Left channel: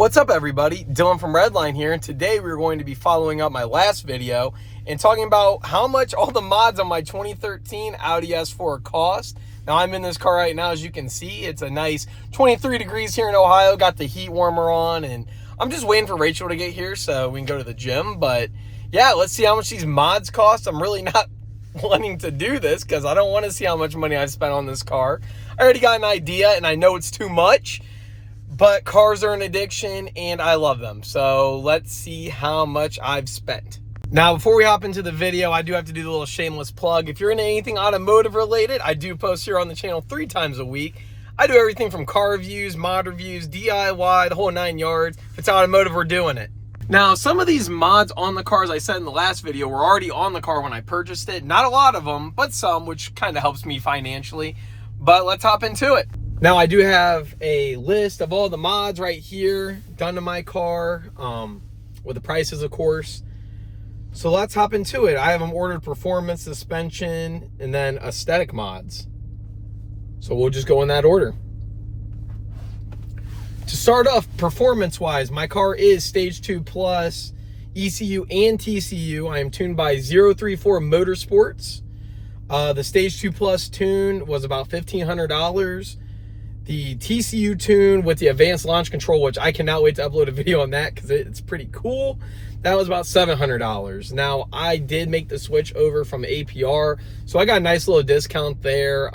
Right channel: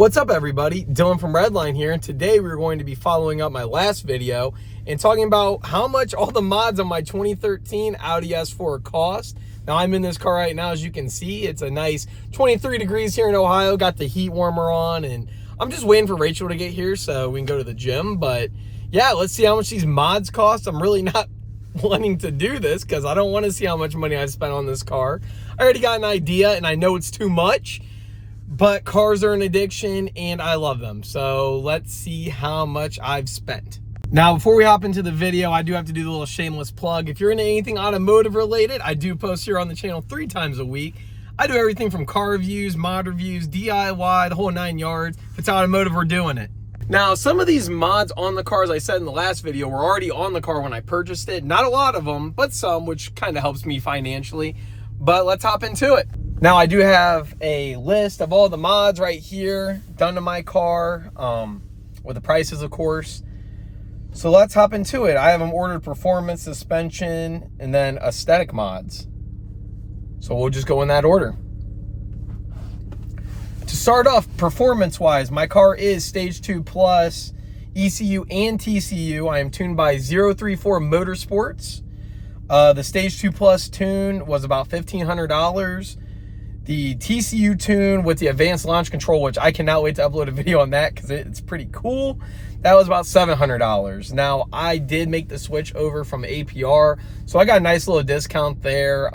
What's up, everybody? Dylan from Redline here, and today we're going to be following up my last video and talking about how much all the mods on my 2013 Audi S4 cost. Now, I'm in this car right now. As you can see, it's a nice 23 degrees here in Ohio. Got the heat warmer on, and I'm just waiting for Rachel to get here so we can go to the gym. But yeah, let's see how much these mods cost. I'm really not wanting to do this because I don't want to see how much money I've spent on this car. I already got an idea, and I know it's too much. But cars are an addiction, and I love them. So let's see how much I've spent. Now, before we hop into the video, I do have to do the little shameless plug. If you're into anything automotive related, I do post here on the channel 3 times a week. I do everything from car reviews, mod reviews, DIY, the whole 9 yards. If it's automotive, we're doing it. Now, some of these mods on the cars I said in the last video were already on the car when I purchased it. Not a lot of them, but some, which kind of helps me financially. But let's hop into it. Now, I do have a list of all the mods right here done to my car, with the prices, of course. So let's hop into it. I have them ordered: performance, suspension, and then aesthetic mods. So we'll just go in that order. To start off, performance-wise, my car is Stage 2 Plus, ECU and TCU. I am tuned by 034 Motorsports. The Stage 2 Plus tune was about $1,500. The TCU tune with the advanced launch control, which I cannot wait to upload a video on that because it's pretty cool, that was about $700. Now, I did make the switch over from APR, so I got a nice little discount there.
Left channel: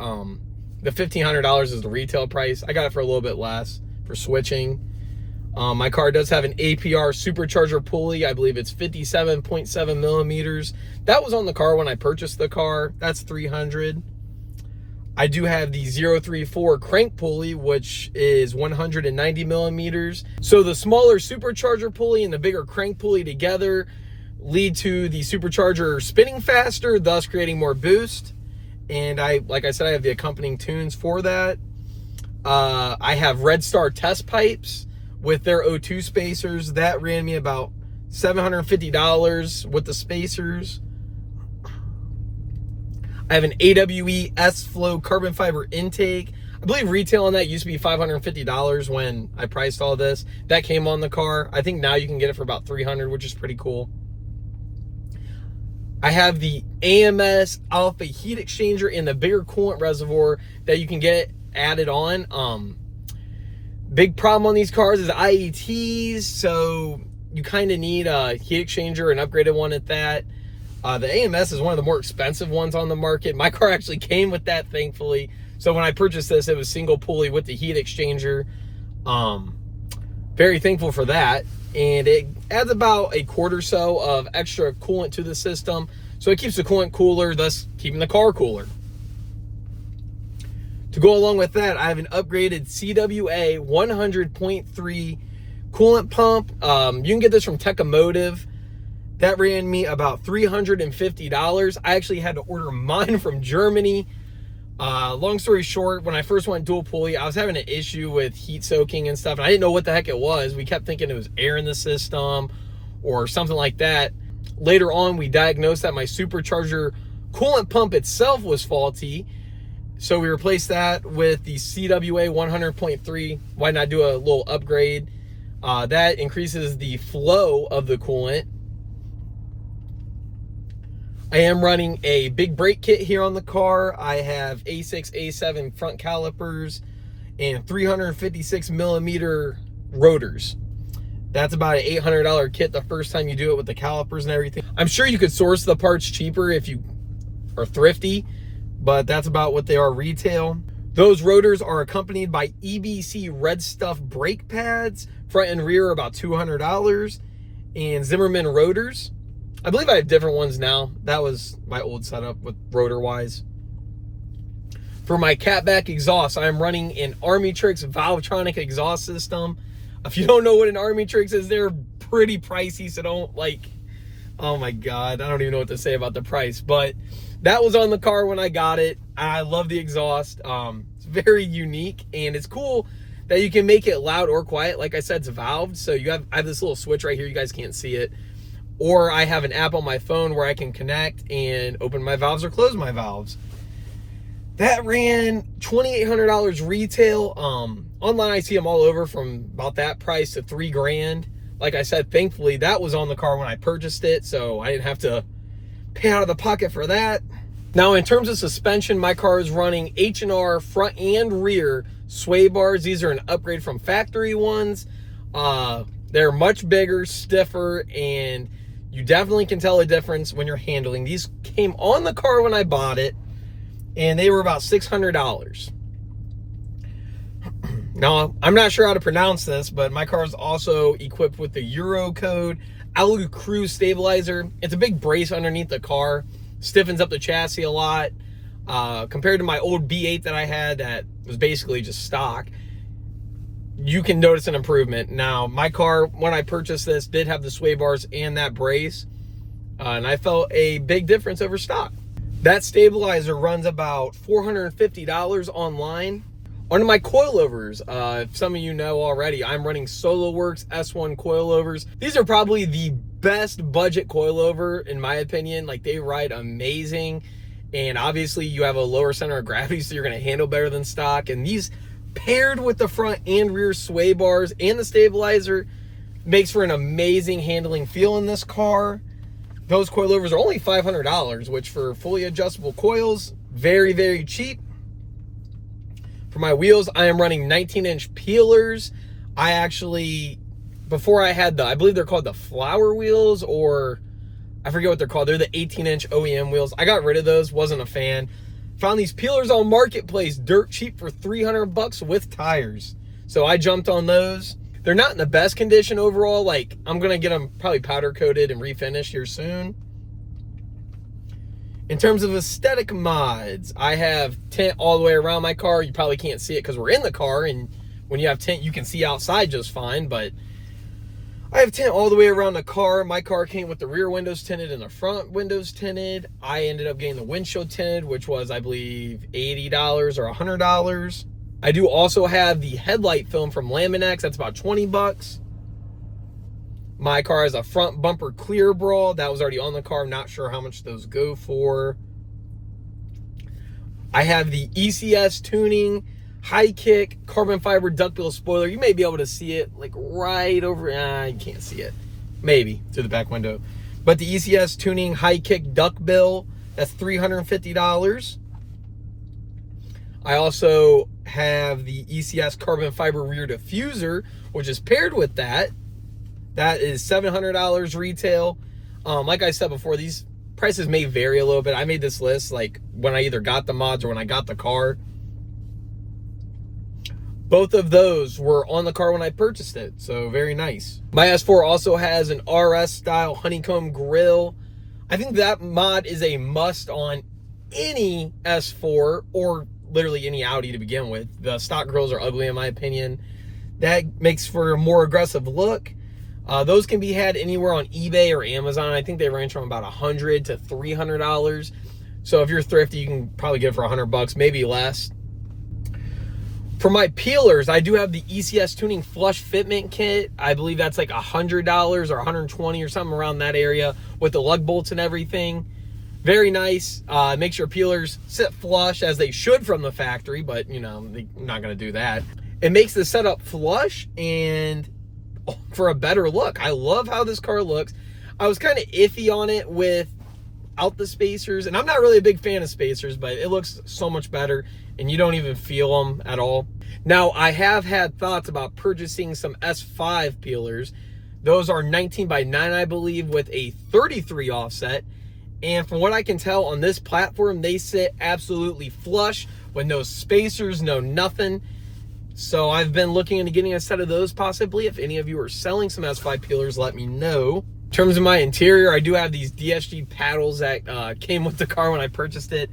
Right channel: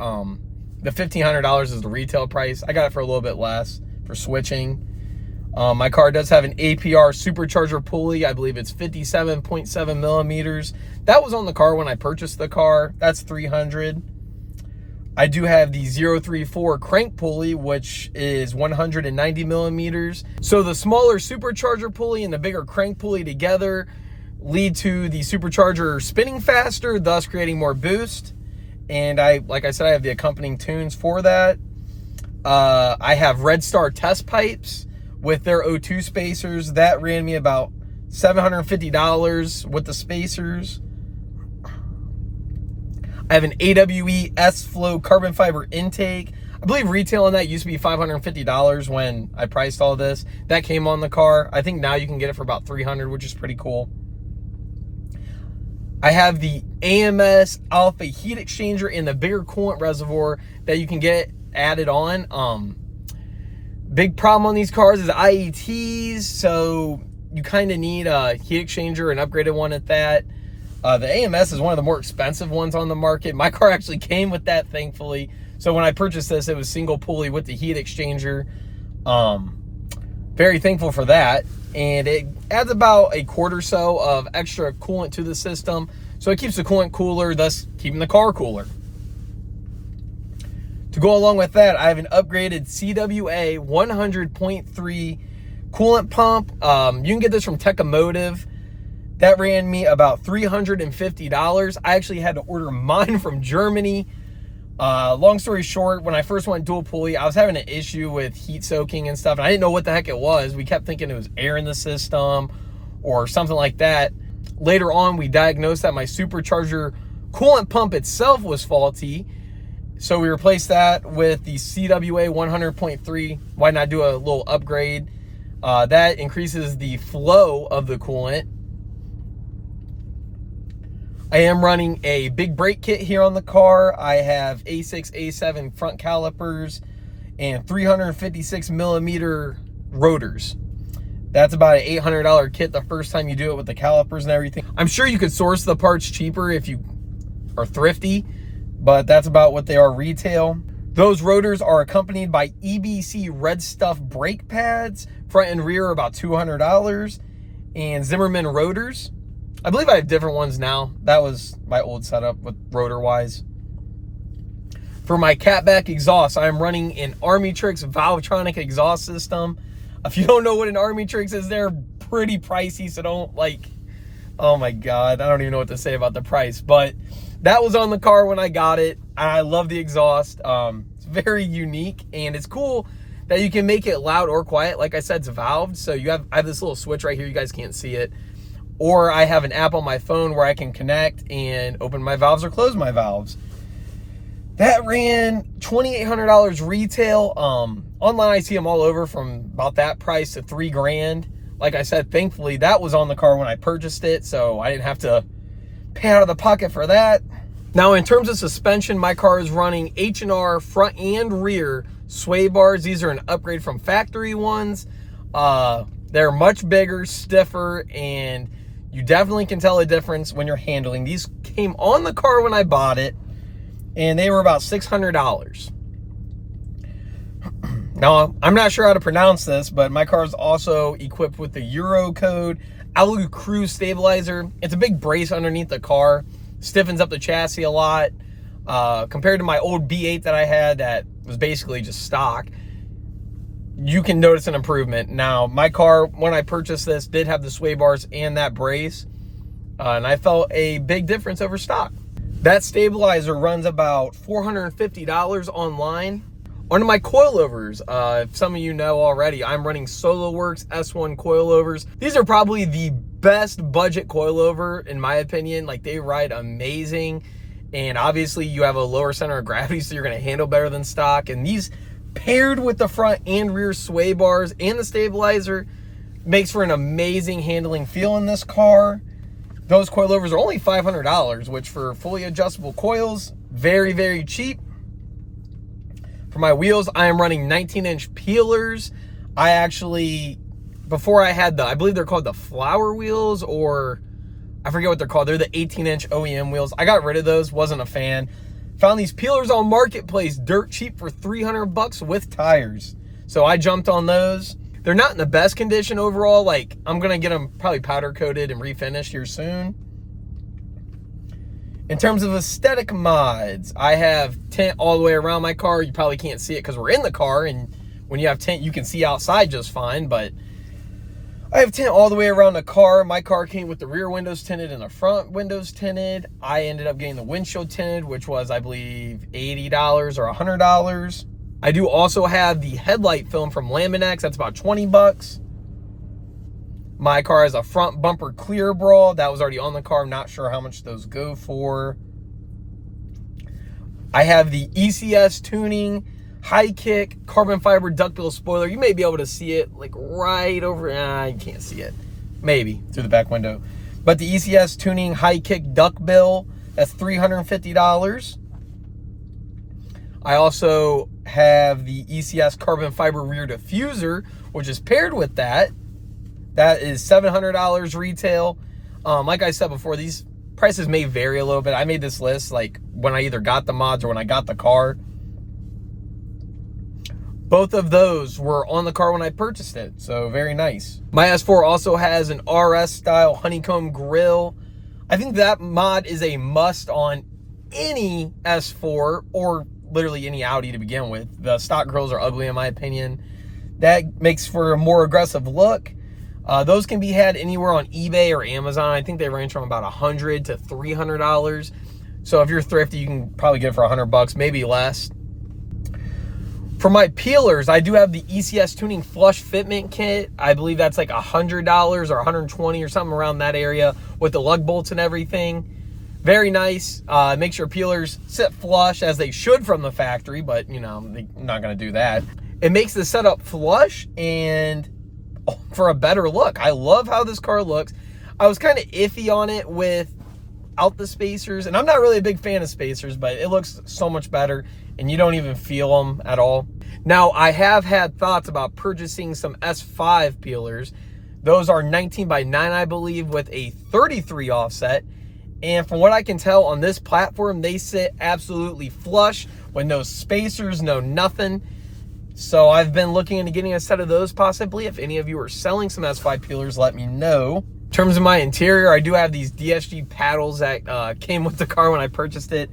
The $1,500 is the retail price. I got it for a little bit less for switching. My car does have an APR supercharger pulley. I believe it's 57.7 millimeters. That was on the car when I purchased the car. That's $300. I do have the 034 crank pulley, which is 190 millimeters. So the smaller supercharger pulley and the bigger crank pulley together lead to the supercharger spinning faster, thus creating more boost. And like I said, I have the accompanying tunes for that. I have Red Star test pipes with their O2 spacers. That ran me about $750 with the spacers. I have an AWE S-Flow carbon fiber intake. I believe retail on that used to be $550 when I priced all this. That came on the car. I think now you can get it for about $300, which is pretty cool. I have the AMS Alpha heat exchanger in the bigger coolant reservoir that you can get added on. Big problem on these cars is IETs, so you kind of need a heat exchanger, an upgraded one at that. The AMS is one of the more expensive ones on the market. My car actually came with that, thankfully. So when I purchased this, it was single pulley with the heat exchanger. Very thankful for that. And it adds about a quart or so of extra coolant to the system. So it keeps the coolant cooler, thus keeping the car cooler. To go along with that, I have an upgraded CWA 100.3 coolant pump. You can get this from Techomotive. That ran me about $350. I actually had to order mine from Germany. Long story short, when I first went dual pulley, I was having an issue with heat soaking and stuff. And I didn't know what the heck it was. We kept thinking it was air in the system or something like that. Later on, we diagnosed that my supercharger coolant pump itself was faulty. So we replaced that with the CWA 100.3. Why not do a little upgrade? That increases the flow of the coolant. I am running a big brake kit here on the car. I have A6, A7 front calipers and 356 millimeter rotors. That's about an $800 kit the first time you do it with the calipers and everything. I'm sure you could source the parts cheaper if you are thrifty, but that's about what they are retail. Those rotors are accompanied by EBC Red Stuff brake pads. Front and rear are about $200. And Zimmerman rotors. I believe I have different ones now. That was my old setup with rotor-wise. For my catback exhaust, I am running an Army-Trix Valvetronic exhaust system. If you don't know what an Army-Trix is, they're pretty pricey, so don't oh my God, I don't even know what to say about the price. But that was on the car when I got it. I love the exhaust. It's very unique, and it's cool that you can make it loud or quiet. Like I said, it's valved, so I have this little switch right here. You guys can't see it. Or I have an app on my phone where I can connect and open my valves or close my valves. That ran $2,800 retail. Online I see them all over from about that price to $3,000. Like I said, thankfully that was on the car when I purchased it, so I didn't have to pay out of the pocket for that. Now, in terms of suspension, my car is running H&R front and rear sway bars. These are an upgrade from factory ones. They're much bigger, stiffer, and you definitely can tell a difference when you're handling. These came on the car when I bought it, and they were about $600. Now, I'm not sure how to pronounce this, but my car is also equipped with the Euro code Alu Cruise stabilizer. It's a big brace underneath the car, stiffens up the chassis a lot. Compared to my old B8 that I had that was basically just stock, you can notice an improvement. Now, my car, when I purchased this, did have the sway bars and that brace, and I felt a big difference over stock. That stabilizer runs about $450 online. Onto my coilovers. If some of you know already, I'm running SoloWorks S1 coilovers. These are probably the best budget coilover in my opinion. Like, they ride amazing, and obviously you have a lower center of gravity, so you're going to handle better than stock. And these, paired with the front and rear sway bars and the stabilizer, makes for an amazing handling feel in this car. Those coilovers are only $500, which for fully adjustable coils, very, very cheap. For my wheels, I am running 19-inch peelers. I actually, before I had I believe they're called the flower wheels, or I forget what they're called. They're the 18-inch OEM wheels. I got rid of those, wasn't a fan. Found these peelers on Marketplace, dirt cheap for $300 with tires. So I jumped on those. They're not in the best condition overall. Like, I'm gonna get them probably powder coated and refinished here soon. In terms of aesthetic mods, I have tint all the way around my car. You probably can't see it because we're in the car, and when you have tint, you can see outside just fine, but I have tint all the way around the car. My car came with the rear windows tinted and the front windows tinted. I ended up getting the windshield tinted, which was, I believe, $80 or $100. I do also have the headlight film from Laminex. That's about $20. My car has a front bumper clear brawl. That was already on the car. I'm not sure how much those go for. I have the ECS tuning high kick carbon fiber duckbill spoiler. You may be able to see it like right over. You can't see it. Maybe through the back window. But the ECS tuning high kick duckbill, that's $350. I also have the ECS carbon fiber rear diffuser, which is paired with that. That is $700 retail. Like I said before, these prices may vary a little bit. I made this list like when I either got the mods or when I got the car. Both of those were on the car when I purchased it, so very nice. My S4 also has an RS style honeycomb grille. I think that mod is a must on any S4 or literally any Audi to begin with. The stock grills are ugly in my opinion. That makes for a more aggressive look. Those can be had anywhere on eBay or Amazon. I think they range from about $100 to $300. So if you're thrifty, you can probably get it for $100, maybe less. For my peelers, I do have the ECS Tuning Flush Fitment Kit. I believe that's like $100 or $120 or something around that area with the lug bolts and everything. Very nice. Makes your peelers sit flush as they should from the factory, but you know, they're not gonna do that. It makes the setup flush and for a better look. I love how this car looks. I was kind of iffy on it without the spacers, and I'm not really a big fan of spacers, but it looks so much better and you don't even feel them at all. Now, I have had thoughts about purchasing some S5 peelers. Those are 19x9, I believe, with a 33 offset. And from what I can tell on this platform, they sit absolutely flush with no spacers, no nothing. So I've been looking into getting a set of those possibly. If any of you are selling some S5 peelers, let me know. In terms of my interior, I do have these DSG paddles that came with the car when I purchased it.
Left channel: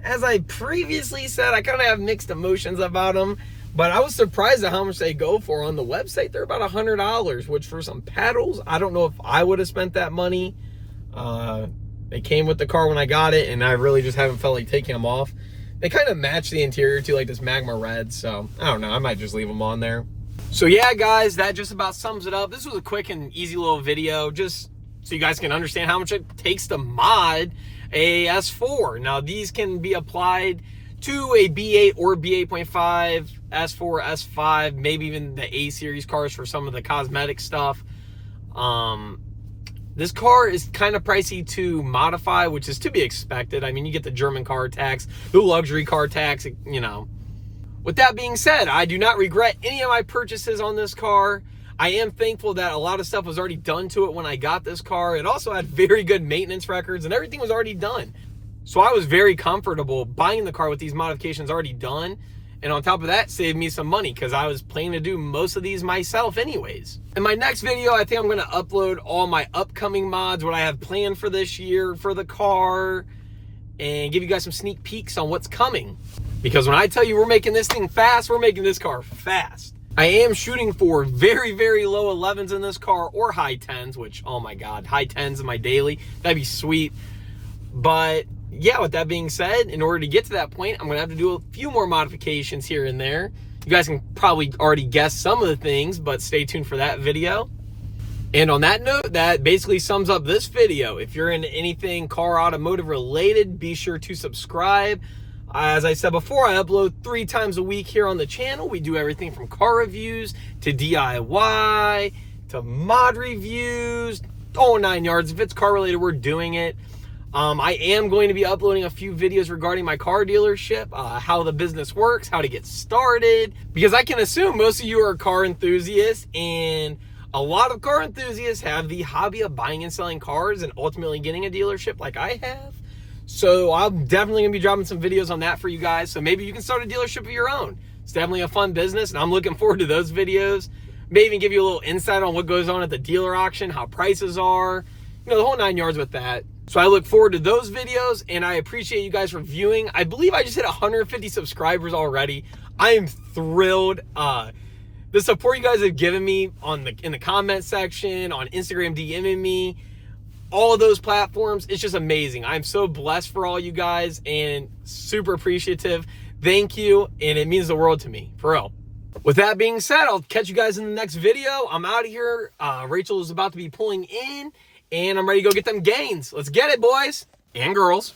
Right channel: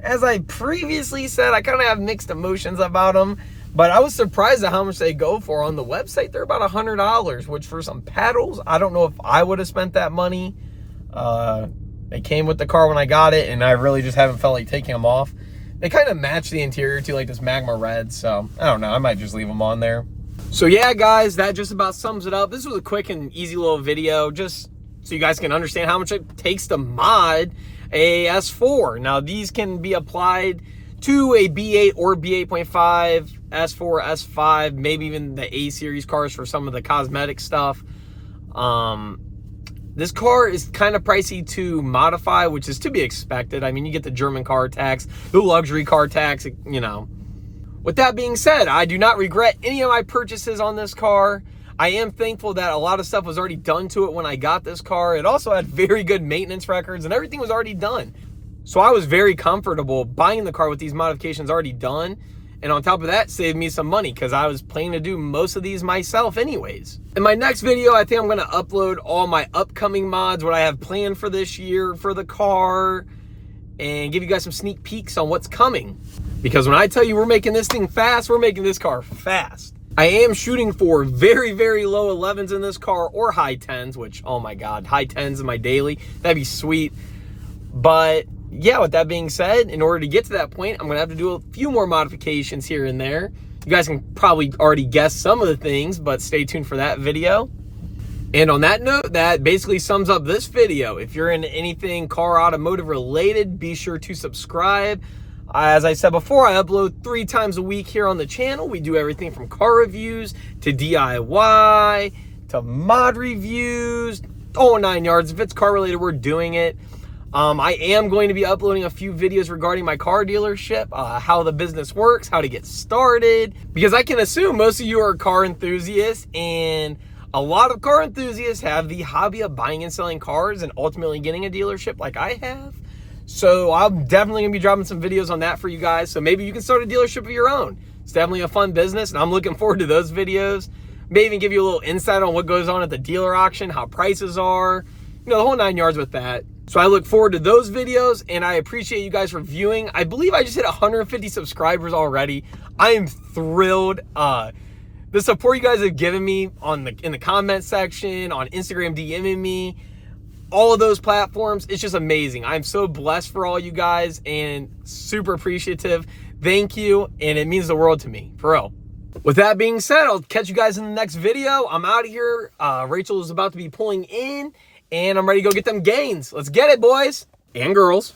As I previously said, I kind of have mixed emotions about them, but I was surprised at how much they go for. On the website, they're about $100, which for some paddles, I don't know if I would have spent that money. They came with the car when I got it, and I really just haven't felt like taking them off. They kind of match the interior to like this magma red, so I don't know, I might just leave them on there. So yeah, guys, that just about sums it up. This was a quick and easy little video, just so you guys can understand how much it takes to mod a S4. Now, these can be applied to a B8 or B8.5, S4, S5, maybe even the A series cars for some of the cosmetic stuff. This car is kind of pricey to modify, which is to be expected. I mean, you get the German car tax, the luxury car tax, you know. With that being said, I do not regret any of my purchases on this car. I am thankful that a lot of stuff was already done to it when I got this car. It also had very good maintenance records and everything was already done. So I was very comfortable buying the car with these modifications already done. And on top of that, saved me some money because I was planning to do most of these myself anyways. In my next video, I think I'm gonna upload all my upcoming mods, what I have planned for this year for the car, and give you guys some sneak peeks on what's coming. Because when I tell you we're making this thing fast, we're making this car fast. I am shooting for very, very low 11s in this car or high 10s, which, oh my God, high 10s in my daily, that'd be sweet. But yeah, with that being said, in order to get to that point, I'm gonna have to do a few more modifications here and there. You guys can probably already guess some of the things, but stay tuned for that video. And on that note, that basically sums up this video. If you're into anything car automotive related, be sure to subscribe. As I said before, I upload 3 times a week here on the channel. We do everything from car reviews to DIY to mod reviews, all 9 yards. If it's car related, we're doing it. I am going to be uploading a few videos regarding my car dealership, how the business works, how to get started, because I can assume most of you are car enthusiasts, and a lot of car enthusiasts have the hobby of buying and selling cars and ultimately getting a dealership like I have. So I'm definitely gonna be dropping some videos on that for you guys. So maybe you can start a dealership of your own. It's definitely a fun business, and I'm looking forward to those videos. Maybe even give you a little insight on what goes on at the dealer auction, how prices are, you know, the whole 9 yards with that. So I look forward to those videos, and I appreciate you guys for viewing. I believe I just hit 150 subscribers already. I am thrilled. The support you guys have given me in the comment section, on Instagram DMing me, all of those platforms, it's just amazing. I'm so blessed for all you guys and super appreciative. Thank you, and it means the world to me, for real. With that being said, I'll catch you guys in the next video. I'm out of here. Rachel is about to be pulling in, and I'm ready to go get them gains. Let's get it, boys and girls.